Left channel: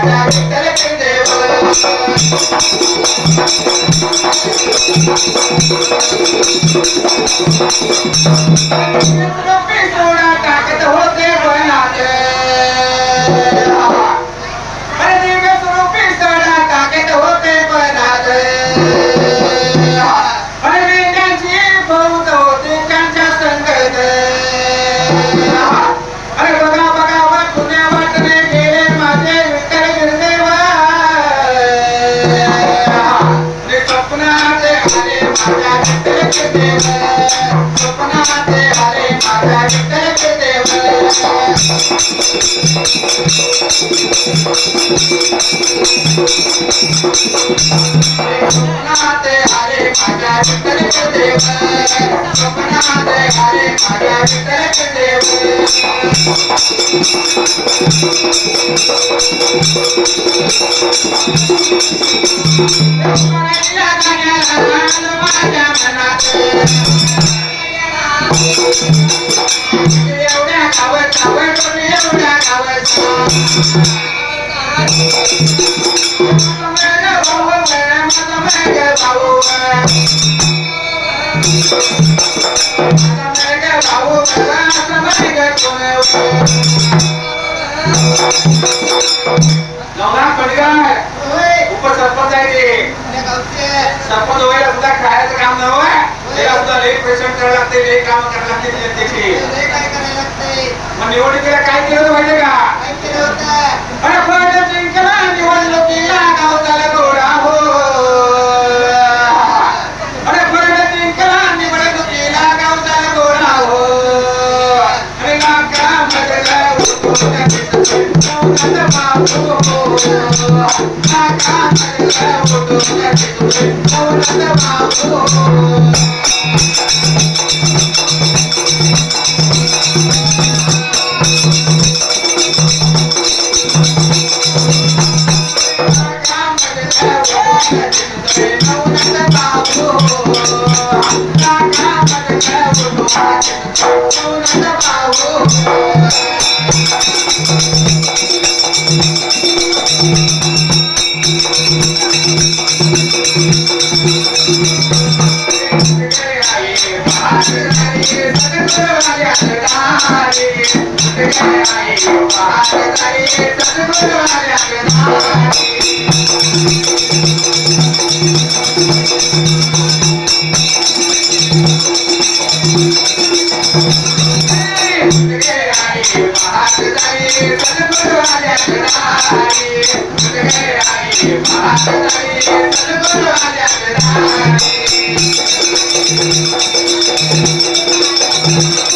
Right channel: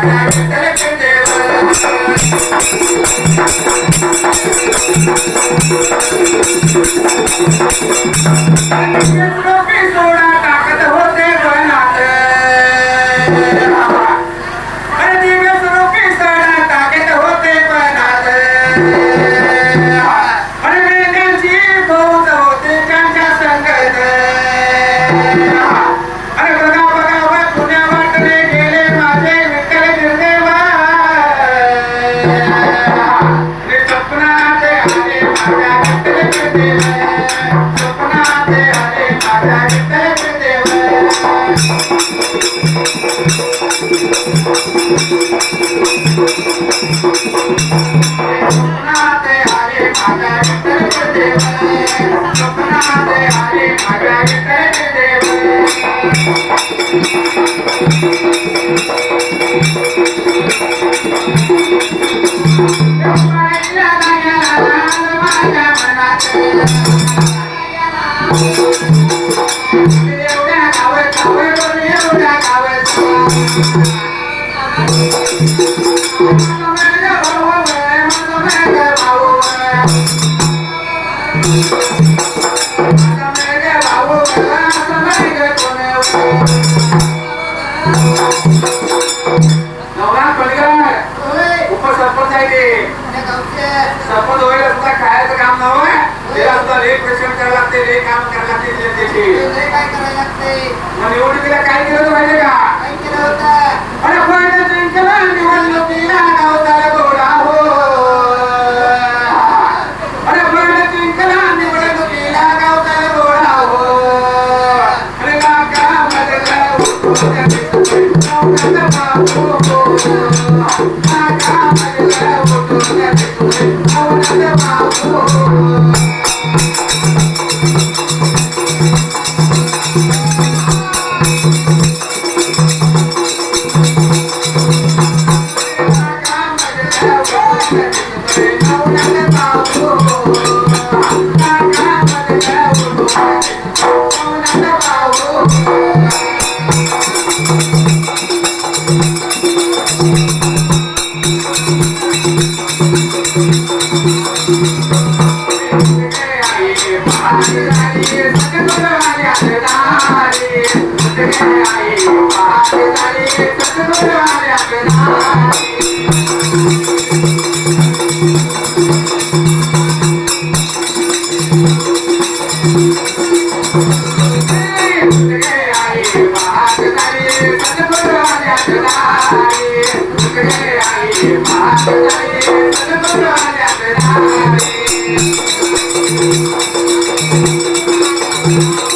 माझ्या विठ्ठल देव सोडा टाकत होते बनात दिवस रूपी सोडा टाकत होते बनात वेदांची बहुत होते त्यांच्या संगत बघा बघा पुण्या वाटले गेले माझे विठ्ठल गिरदेवा स्वप्नात आले माझ्या विठ्ठल गिरदेव स्वप्नात आले माझ्या विठ्ठल गिरदेव स्वप्नात आले माझ्या विठ्ठल गिरदेव स्वप्नात आले माझ्या विठ्ठल गिरदेव माझ्या मनात एवढ्या गावात आवड एवढ्या गावात उपसरपंच आहे ते सरपंच होईल सुद्धा खायचं काम नव्हे त्याला सुद्धा लई पेशंट करायला लागते लई काम करायला लागते जनतेची मग निवडणुकीला काय केलं माहिती का निवडणुकीला गावचा गोरा हो निवडणुकीला गावचा गोरा हो अरे Thank you.